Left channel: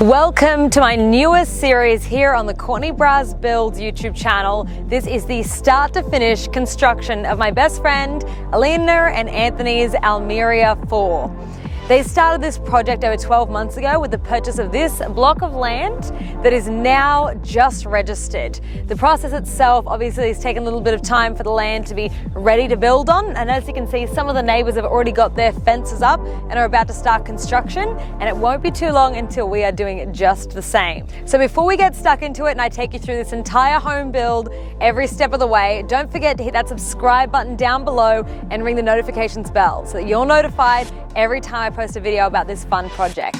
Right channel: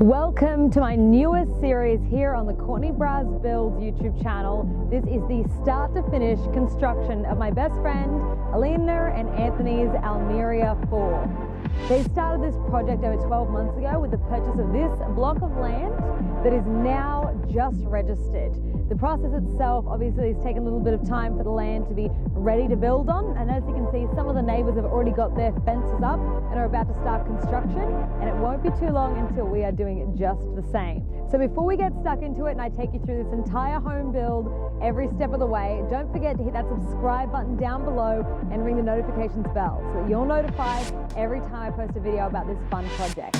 Welcome to my newest series here on the Courtney Braz Builds YouTube channel. This is the start to finish construction of my best friend Alina and Anthony's Almeria 4. They started this project over 12 months ago with the purchase of this block of land that is now just registered. The process itself obviously has taken a little bit of time for the land to be ready to build on, and as you can see, some of the neighbours have already got their fences up and are about to start construction, and it won't be too long until we are doing just the same. So before we get stuck into it and I take you through this entire home build every step of the way, don't forget to hit that subscribe button down below and ring the notifications bell so that you're notified every time I post a video about this fun project.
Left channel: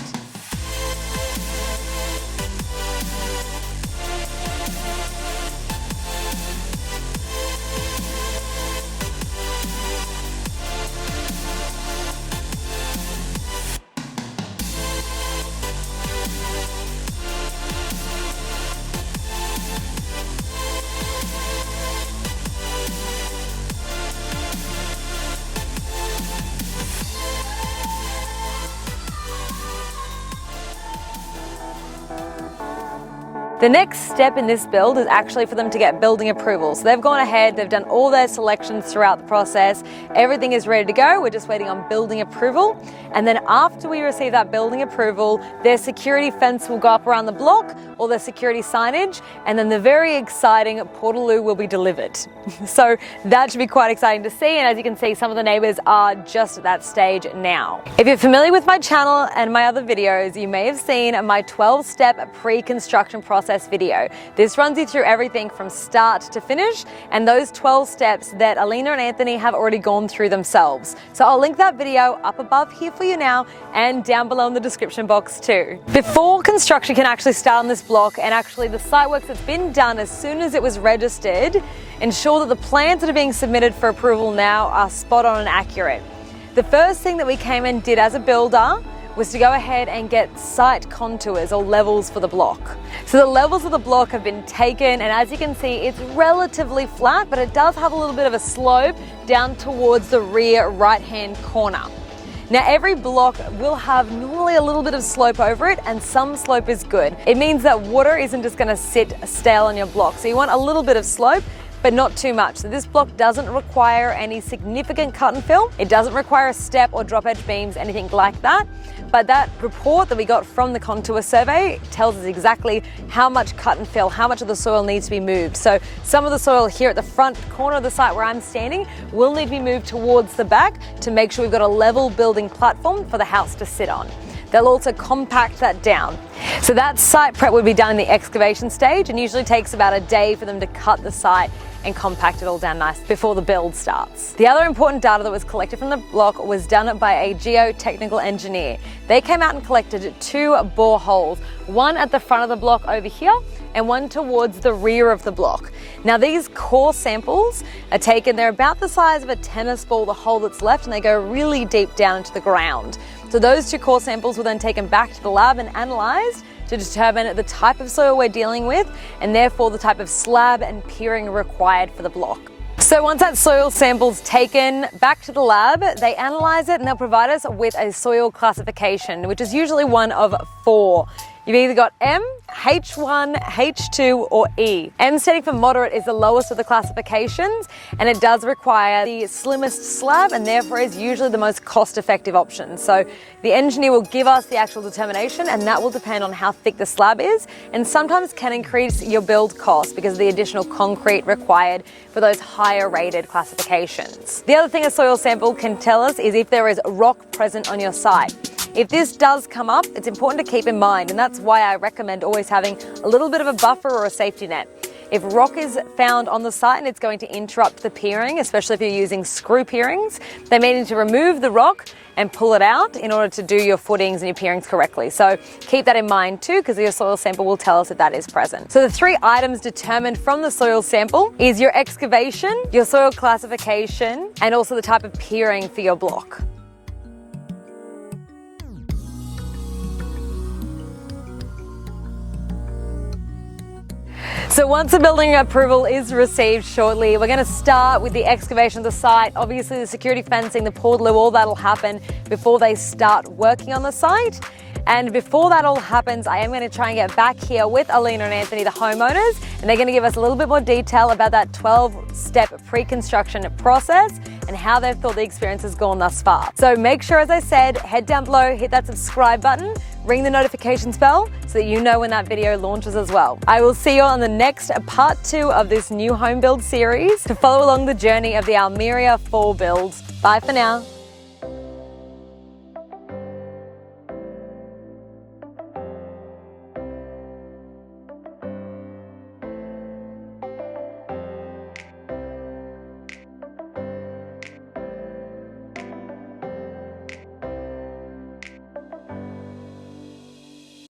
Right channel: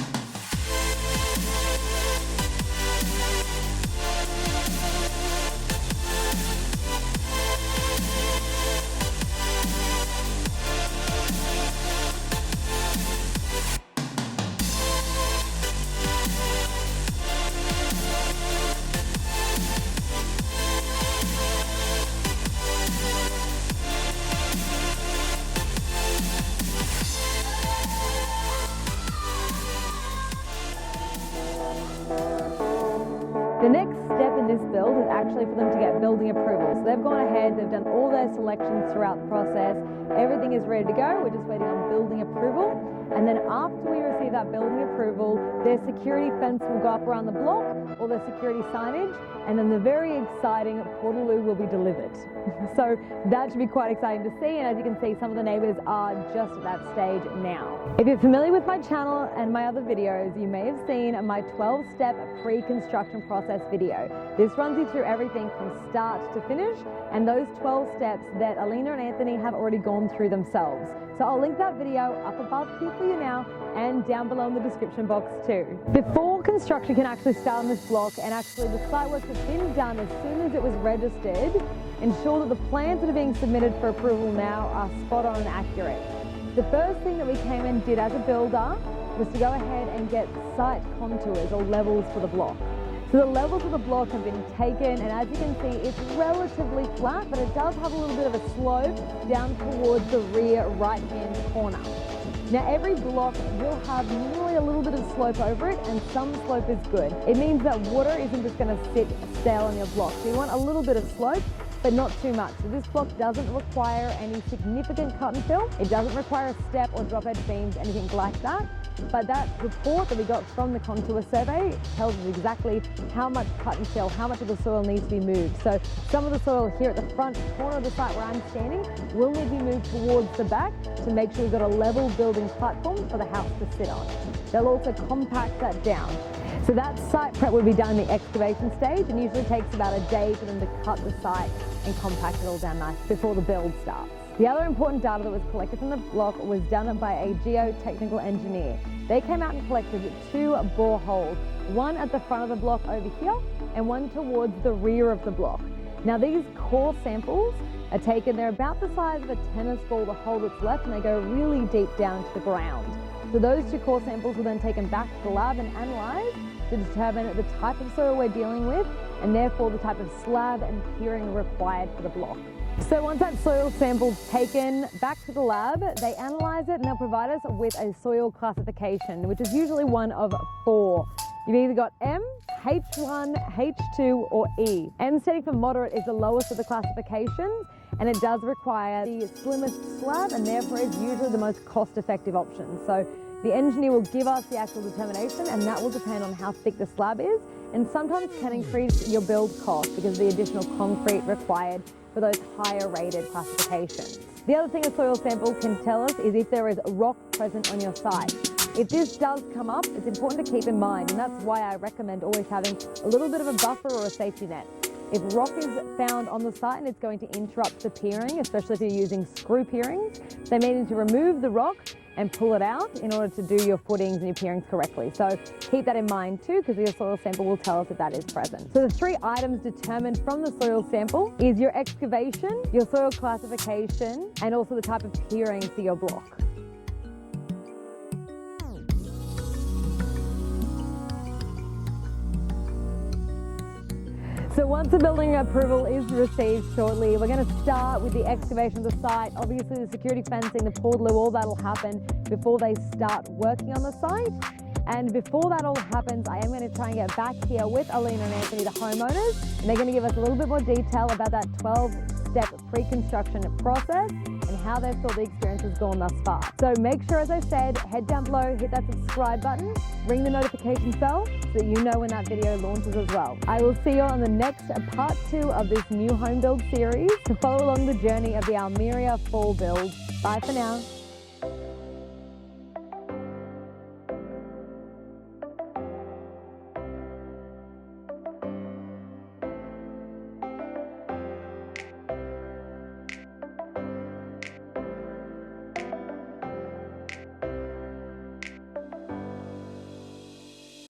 The next step in this build is actually for them to get building approval. So they've gone ahead, they've done all their selections throughout the process. Everything is ready to go. We're just waiting on building approval. And then after we receive that building approval, their security fence will go up around the block, all their security signage, and then the very exciting portaloo will be delivered. So that should be quite exciting to see. And as you can see, some of the neighbors are just at that stage now. If you're familiar with my channel and my other videos, you may have seen my 12-step pre-construction process video. This runs you through everything from start to finish, and those 12 steps that Alina and Anthony have already gone through themselves. So I'll link that video up above here for you now and down below in the description box too. Before construction can actually start on this block, and actually the site work that's been done as soon as it was registered, ensure that the plans that are being submitted for approval now are spot on and accurate. The first thing that we came and did as a builder was to go ahead and get site contours or levels for the block. So the levels of the block have been taken, and as you can see, it's relatively flat, but it does have a little bit of a slope down towards the rear right-hand corner. Now every block will have normally a little bit of slope over it, and some slope is good. It means that water isn't just gonna sit stale on your block. So you want a little bit of slope, but not too much. So this block doesn't require any significant cut and fill. It doesn't require a step or drop edge beams, anything like that. But that report that we got from the contour survey tells us exactly how much cut and fill, how much of the soil needs to be moved. So some of the soil here at the front corner of the site where I'm standing will need to be moved towards the back to make sure we've got a level building platform for the house to sit on. They'll also compact that down. So that site prep would be done in the excavation stage, and usually takes about a day for them to cut the site and compact it all down nice before the build starts. The other important data that was collected from the block was done by a geotechnical engineer. They came out and collected 2 boreholes, one at the front of the block over here and one towards the rear of the block. Now these core samples are taken, they're about the size of a tennis ball, the hole that's left, and they go really deep down into the ground. So those 2 core samples were then taken back to the lab and analysed to determine the type of soil we're dealing with, and therefore the type of slab and piering required for the block. So once that soil sample's taken back to the lab, they analyse it and they'll provide us with a soil classification, which is usually one of 4. You've either got M, H1, H2 or E. M standing for moderate is the lowest of the classifications, and it does require the slimmest slab and therefore is usually the most cost-effective option. So the engineer will give us the actual determination, and that will depend on how thick the slab is, and sometimes can increase your build cost because of the additional concrete required for those higher rated classifications. The other thing a soil sample can tell us is if there is rock present on your site. If this does come up, it's important to keep in mind, and that's why I recommend always having a little bit of a buffer or a safety net. If rock is found on the site and it's going to interrupt the piering, especially if you're using screw pierings, they may need to remove the rock and pull it out in order to do your footings and your pierings correctly. So keep that in mind too, because your soil sample will tell us if that is present. So the 3 items determined from the soil sample is your excavation, your soil classification, and also the type of piering for your block. So once the building approval is received shortly, we're going to start with the excavation of the site. Obviously the security fencing, the portaloo, all that'll happen before they start working on the site. And before that all happens, I am going to try and get back here with Alina and Anthony, the homeowners, and they're going to give us a little bit more detail about that 12-step pre-construction process and how they've thought the experience has gone thus far. So make sure, as I said, head down below, hit that subscribe button, ring the notifications bell so that you know when that video launches as well. I will see you on the next part 2 of this new home build series to follow along the journey of the Almeria 4 builds. Bye for now.